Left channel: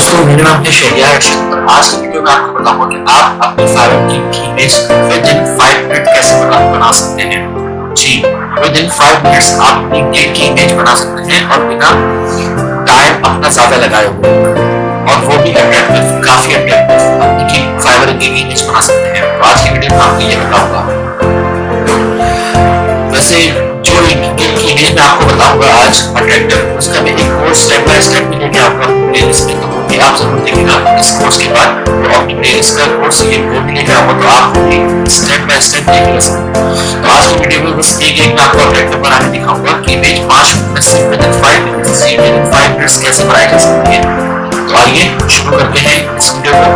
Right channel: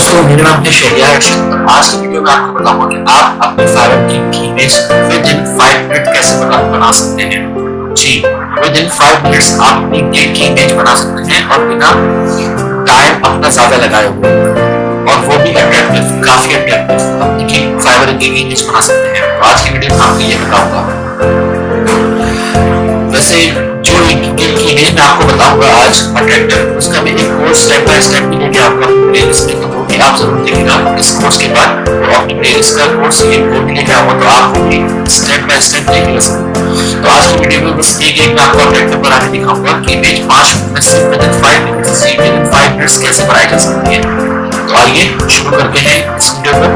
दोस्तों, मेरा नाम है शहरियार अर्शद और आज की वीडियो में आपको बताऊंगा कि आप अपनी फाइवर की इमेज विद इन 5 मिनट कैसे बना सकते हैं। जी, विद इन 5 मिनट्स आप अपनी गिग की इमेज बना सकते हैं और बिना टाइम अपना ज्यादा लगाए हुए, और वो भी अट्रैक्टिव, काफी अट्रैक्टिव अपनी फाइवर गिग इमेज बना सकते हैं। तो आज की वीडियो में आपको ये बताऊंगा। वैसे जो गिग की इमेज में आपको बताऊंगा आज अट्रैक्टिव, उसका मैं एक कोर्स स्टेप बाय स्टेप भी लेके आऊंगा अपनी प्लेलिस्ट में, तो वो भी आप जरूर देखिएगा। इस कोर्स के बाद वो अपनी प्लेलिस्ट का कोर्स वो भी लेके आऊंगा, तो आप वो भी स्टेप बाय स्टेप देखेगा सब। तो आज की वीडियो में बस एक मैं आपको अट्रैक्टिव बना के दिखाऊंगा कि इमेज 5 मिनट में सिर्फ विद इन 5 मिनट्स कैसे बनाई जा सकती है। तो आइए शुरू करते हैं इस वीडियो को।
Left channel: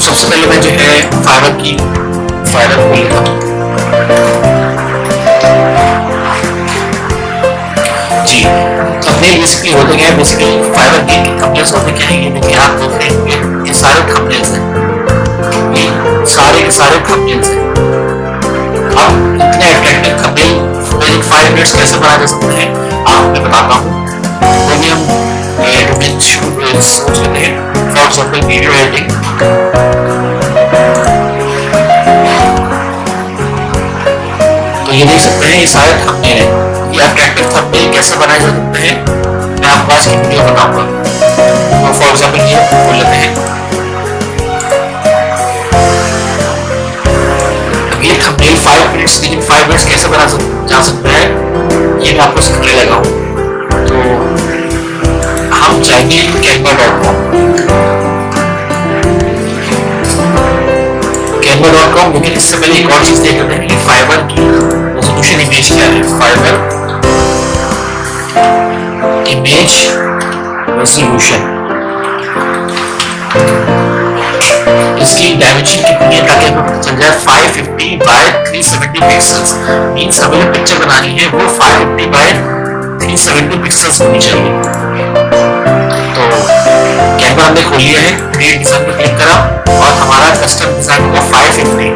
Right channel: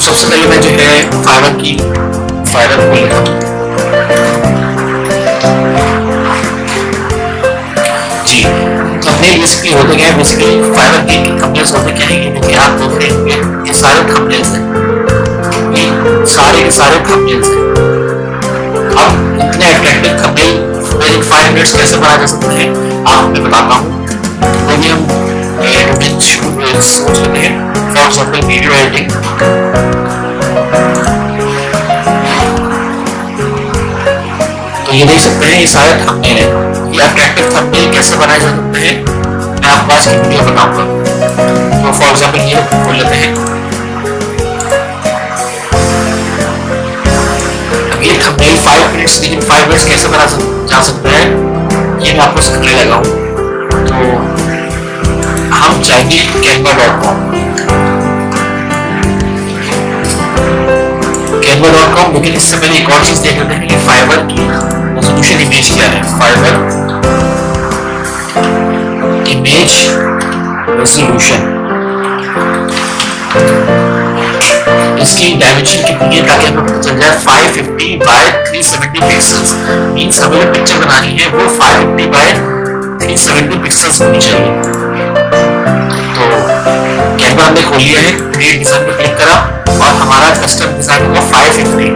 सबसे पहले मैं जो है फाइवर खोल लेता हूँ। जी, थंबनेल बेसिकली होते क्या है, बेसिकली फाइवर गिग के थंबनेल्स होते क्या है, ये देखिए आप देख रहे होंगे, ये सारे थंबनेल्स हैं, ये सारे के सारे थंबनेल्स हैं। अब इतने attractive thumbnail with in 5 minutes कैसे बनाए जा सकते हैं आपको मैं बताता हूँ। वो भी हम डोमेन सोच लेते हैं, फॉर एग्जाम्पल वीडियो एडिटिंग। तो ये देख सकते हैं, ये सारे थंबनेल हैं। ये अट्रैक्टिव थंबनेल कैसे बनाए जा सकते हैं मैं आपको आज की वीडियो बताऊंगा। तो फॉर एग्जांपल ये खोल लेते हैं। अब ये thumbnail 5 minutes with in 5 minutes कैसे बना जा सकता है ये मैं आपको सिखाने लगा हूँ। तो हम जाएंगे canva.com, लेकिन इससे पहले एक और चीज देख लेते हैं कि फाइवर की रेजोल्यूशन इमेज क्या है। फाइवर इमेज रेजोल्यूशन, इसकी डायमेंशन कितनी है ताकि हमें पता चल जाए। 550 बाय 370 पिक्सल्स मींस हमें जो पिक्चर बनानी है वो 550 बाय 370 पिक्सल्स होनी चाहिए। तो कैनवा हमने खोल लिया है, क्रिएट डिजाइन पे क्लिक करा और हमारा कस्टम डिजाइन होगा 550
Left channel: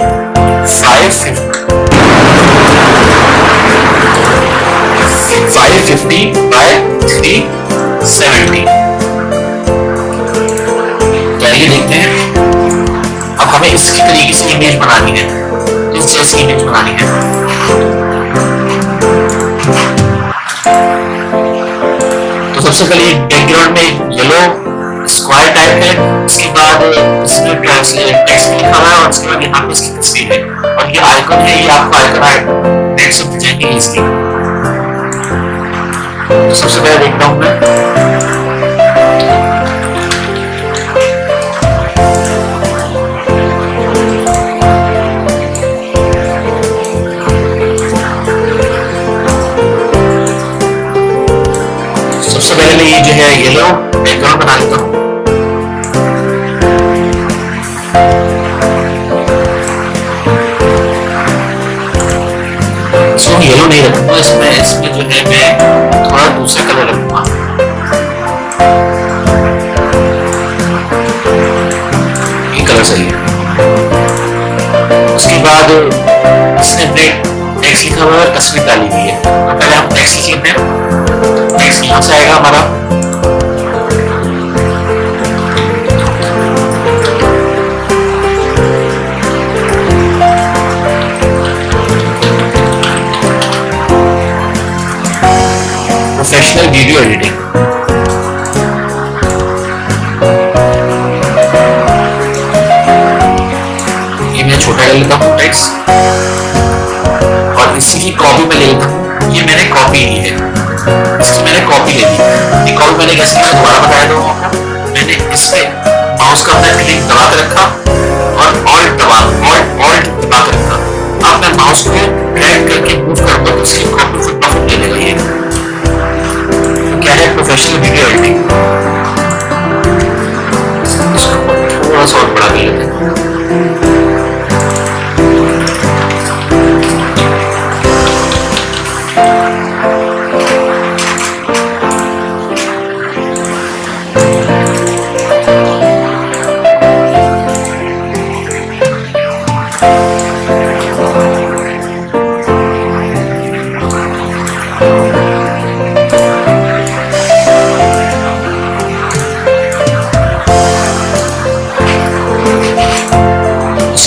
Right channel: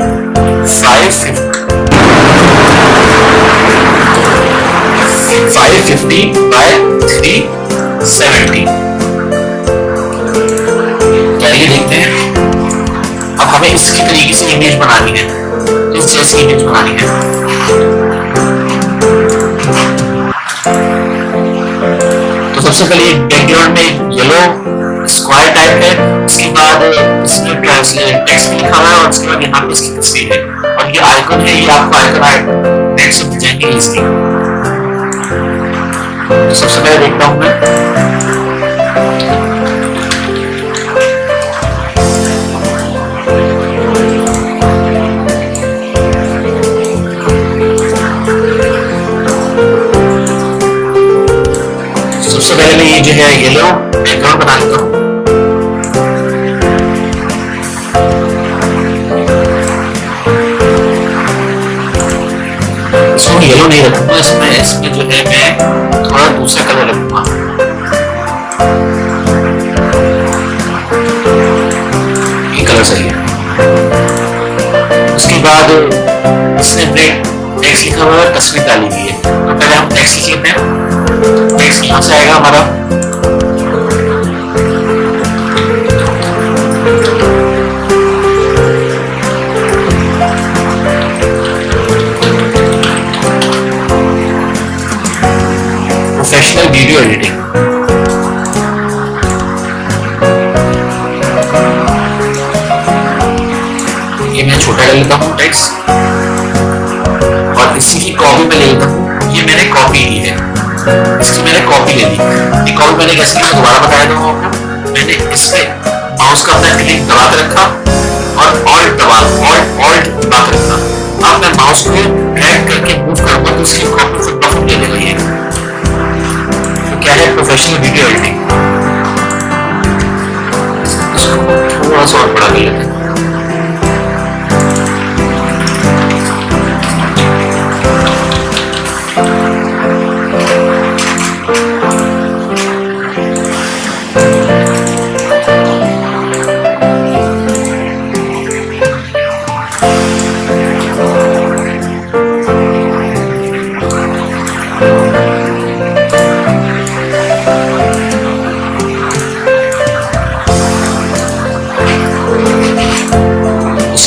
बाय 370। तो आइए देखते हैं। अब हमें इसकी तरीके से इमेज बनानी है, इस जैसी इमेज बनानी है। तो सबसे पहले एक बैकग्राउंड में येलो स्क्वायर टाइप है, उसके बाद इसमें टेक्स्ट लिखा हुआ है और उसके बाद यहाँ पे इसकी तस्वीर है और ये आइकन है। ये आपको आइकन नेट से मिल जाएंगे इजीली। तो सबसे पहले देखता हूं मैं। सबसे पहले मैं ये जो है येलो बैकग्राउंड बना लेता हूँ। इसमें येलो नहीं रखूंगा, इसमें जो है मैं थोड़ा दूसरा कलर रखूंगा। ये कलर सही है। उसके बाद इसने टेक्स्ट लिखा हुआ है, तस्वीर डाली हुई है। तो पहले हम टेक्स्ट लिख लेते हैं। टेक्स्ट यहाँ से आएगा हमारा। Professional video editing. ये मैं छोटा कर लेता हूँ टेक्स्ट और इसी की कॉपी में ले लेता हूँ। ये मैंने कॉपी ली है, इसकी मैंने कॉपी ले ली। ये कॉपी मैंने कैसे की मैं दोबारा बताया दूँ आपको। मैंने इस पे माउस का अपना क्लिक दबा के रखा और ऑल्ट दबा के रखा। अब मैं माउस को ड्रैग करके मूव करूंगा तो इसकी कॉपी फुट प्रॉफिट ले लेगा ये। क्या है प्रोफेशनल वीडियो एडिटिंग। इसको थोड़ा सा और बड़ा कर लेते हैं।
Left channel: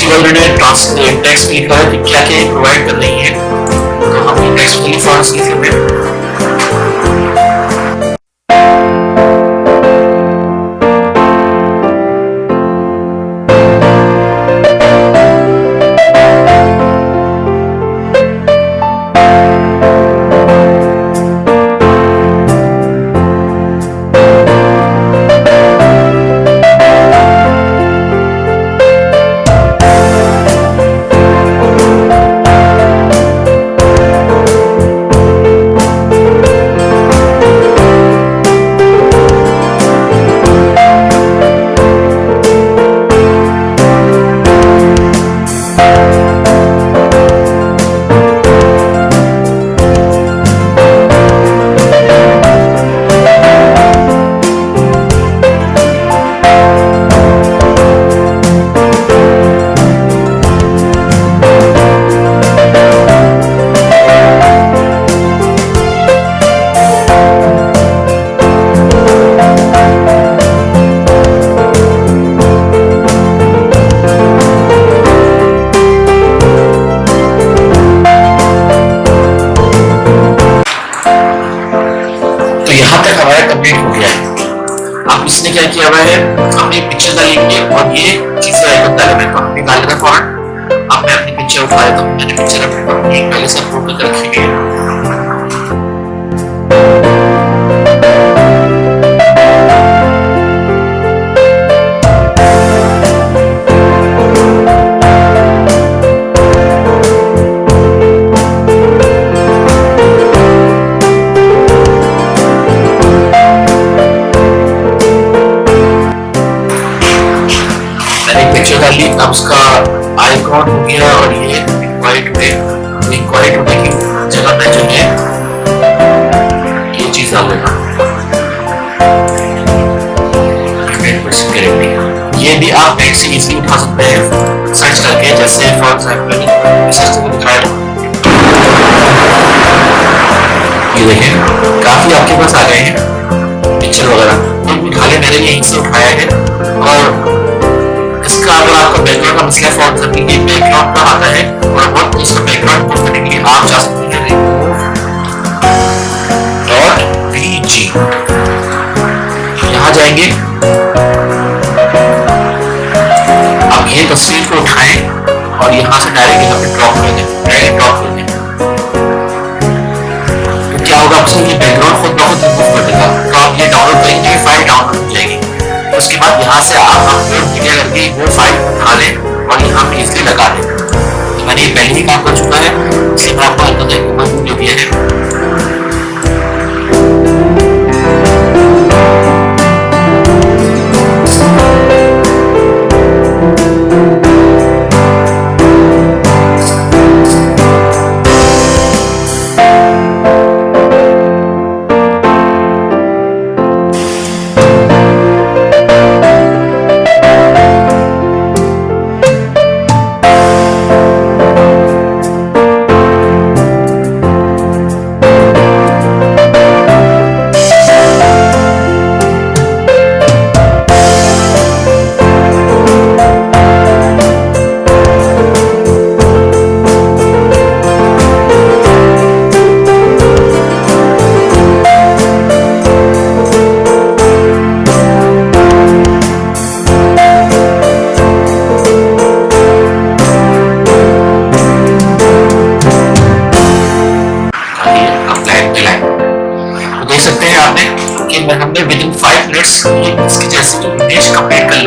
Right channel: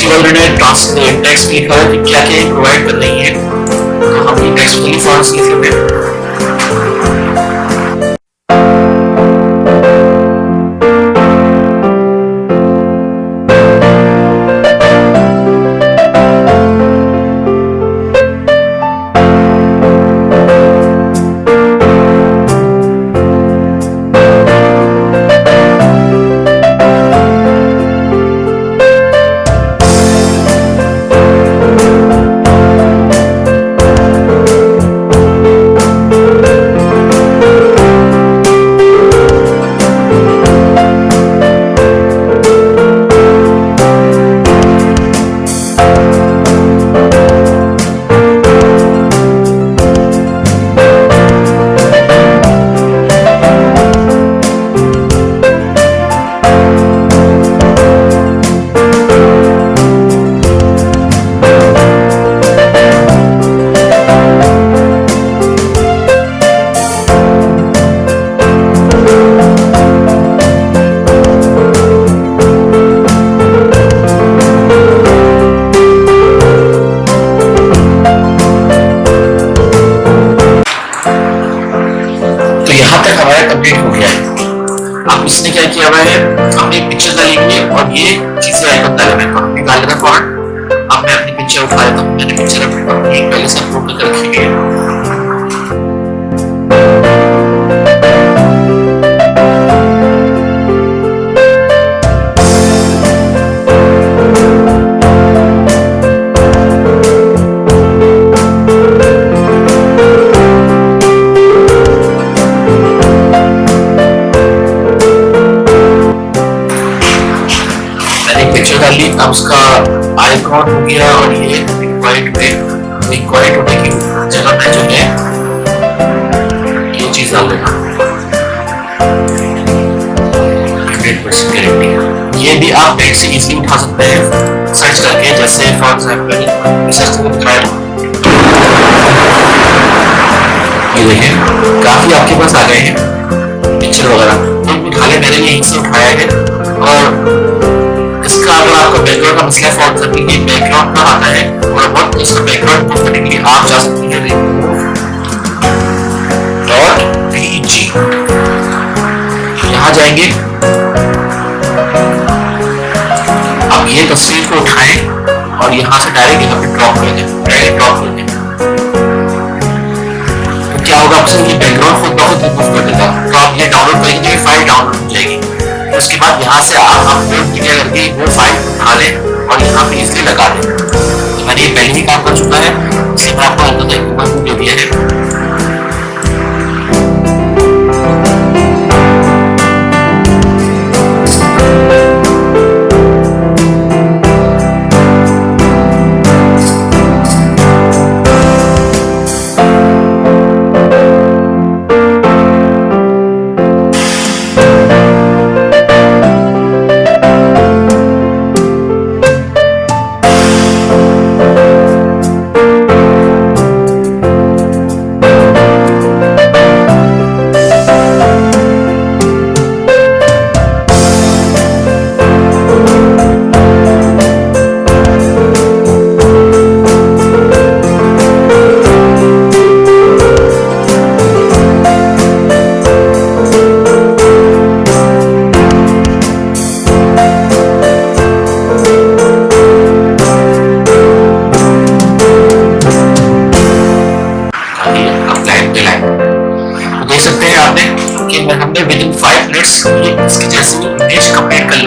इसके बाद मैंने टेक्स्ट में लिखा है कि क्या क्या प्रोवाइड कर रही है, तो हम ये टेक्स्ट के लिए फॉर्म लिख लेते हैं। तो यहाँ तक हमारा कंप्लीट हो गया है। अब इसने क्या किया हुआ है, हमने पिक्चर डाली हुई है और ये चीजें आइकन डाले हुए हैं, तो हमने डाल देना फौरन। अब मैं अपनी पिक्चर उठा लेता हूँ, मैंने पिक्चर अपनी पहले से अपलोड करके रखी हुई है। पिक्चर डाली, अब उसका आइकॉन हो गया और ये इंक्वायरी टुडे, तो इंक्वायरी टुडे की जगह पे जो है ये चीज डाल देना 100% गारंटी। ये भी आप नेट से इजीली उठा सकते हैं सर्च करके, जैसे फॉर एग्जांपल सर्च करके दिखाया था, ये देखें काफी आपके पास आ गए हैं पिक्चर वगैरह, तो उठा ले, मैंने यहीं से उठाया है। और इसका अगर आपका बैकग्राउंड का मसला, फॉर एग्जांपल ये बैकग्राउंड का आता है थोड़ा बहुत, तो इसका बैकग्राउंड मूव करने के लिए आप जा सकते हैं रिमूव .bg, यहाँ जाएंगे। अब ये तस्वीर को उठाएं और यहाँ से डायरेक्ट यहाँ पे ड्रॉप कर दें, डायरेक्ट ड्रॉप कर दें, तो क्या होगा, आपसे ये बैकग्राउंड खुद ब खुद रिमूव कर देगा। तो आप ये डाउनलोड करेंगे, फाइल डाउनलोड हो जाएगी, उसके बाद यहाँ से आप अपलोड मीडिया करके वो फाइल उठा लें और यहाँ पे इसलिए लगा दें। तो मैंने ये पहले ही काम कर चुका है, इसलिए मैं आपको ओवरव्यू दे दिया है। देख सकते हैं आपने कि हमने विद इन 5 मिनट्स इसकी जैसे ही इमेज कंप्लीट कर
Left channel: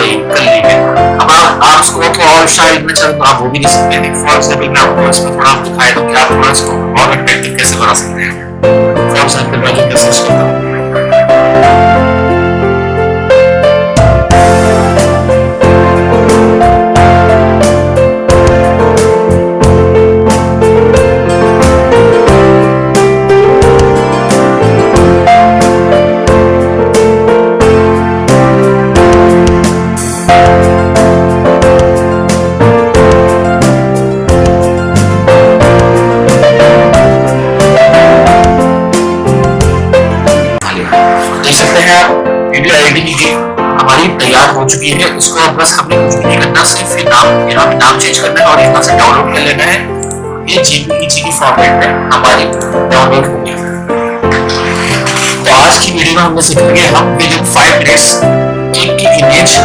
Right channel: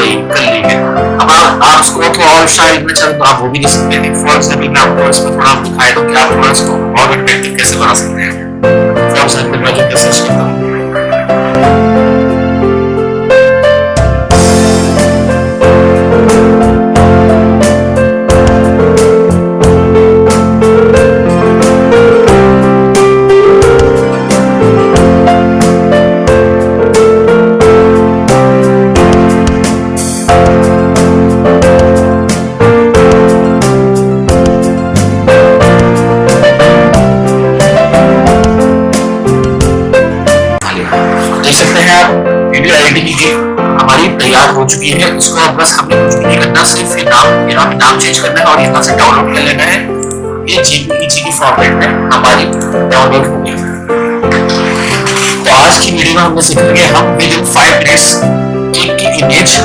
ली है। अब आप इसको तो और स्टाइल में चाहे तो आप वो भी देख सकते हैं। फॉर एग्जांपल मैं आपको इसमें थोड़ा दिखाया था कि आप थोड़ा इसको और अट्रैक्टिव कैसे बना सकते हैं। फॉर एग्जांपल मैं जो सर्च करता हूँ, देख सकते हैं आप वीडियो एडिटिंग की हमारी तैयार हो चुकी है। इसको अब बस हमने कुछ भी नहीं करना, सिर्फ ये नाम, यहाँ पे नाम चेंज करना है और यहाँ से डाउनलोड कर लेना है। ये जेपीईजी की फॉर्मेट में हमारी डाउनलोड हो गई। तो आज की वीडियो में हमने सीखा कि हम विद इन 5 मिनट्स गिग की इमेज,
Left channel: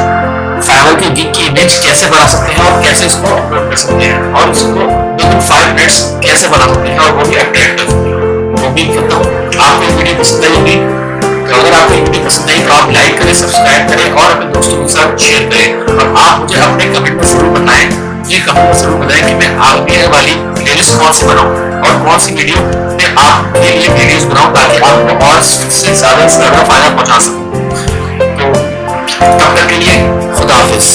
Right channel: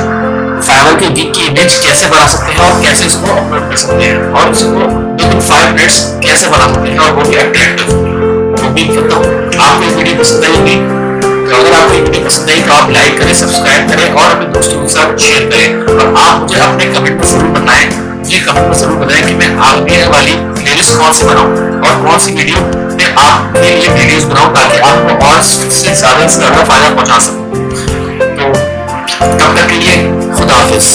फाइवर के गिग की इमेज कैसे बना सकते हैं और कैसे इसको अपलोड कर सकते हैं, और इसको विद इन 5 मिनट्स कैसे बना सकते हैं, और वो भी अट्रैक्टिव। तो उम्मीद करता हूँ आपको ये वीडियो पसंद आई होगी। तो अगर आपको ये वीडियो पसंद आई तो आप लाइक करें, सब्सक्राइब करें और अपने दोस्तों के साथ शेयर करें। और आप मुझे अपने कमेंट में जरूर बताएं, मुझे कमेंट में जरूर बताएं कि मैं आगे वाली प्लेलिस्ट कौन सी बनाऊं और कौन सी वीडियो में आपके लिए वीडियोस बनाऊं, ताकि आपको और से ज्यादा फायदा पहुंचा सकूं। तो तब तक के लिए खुदा हाफिज।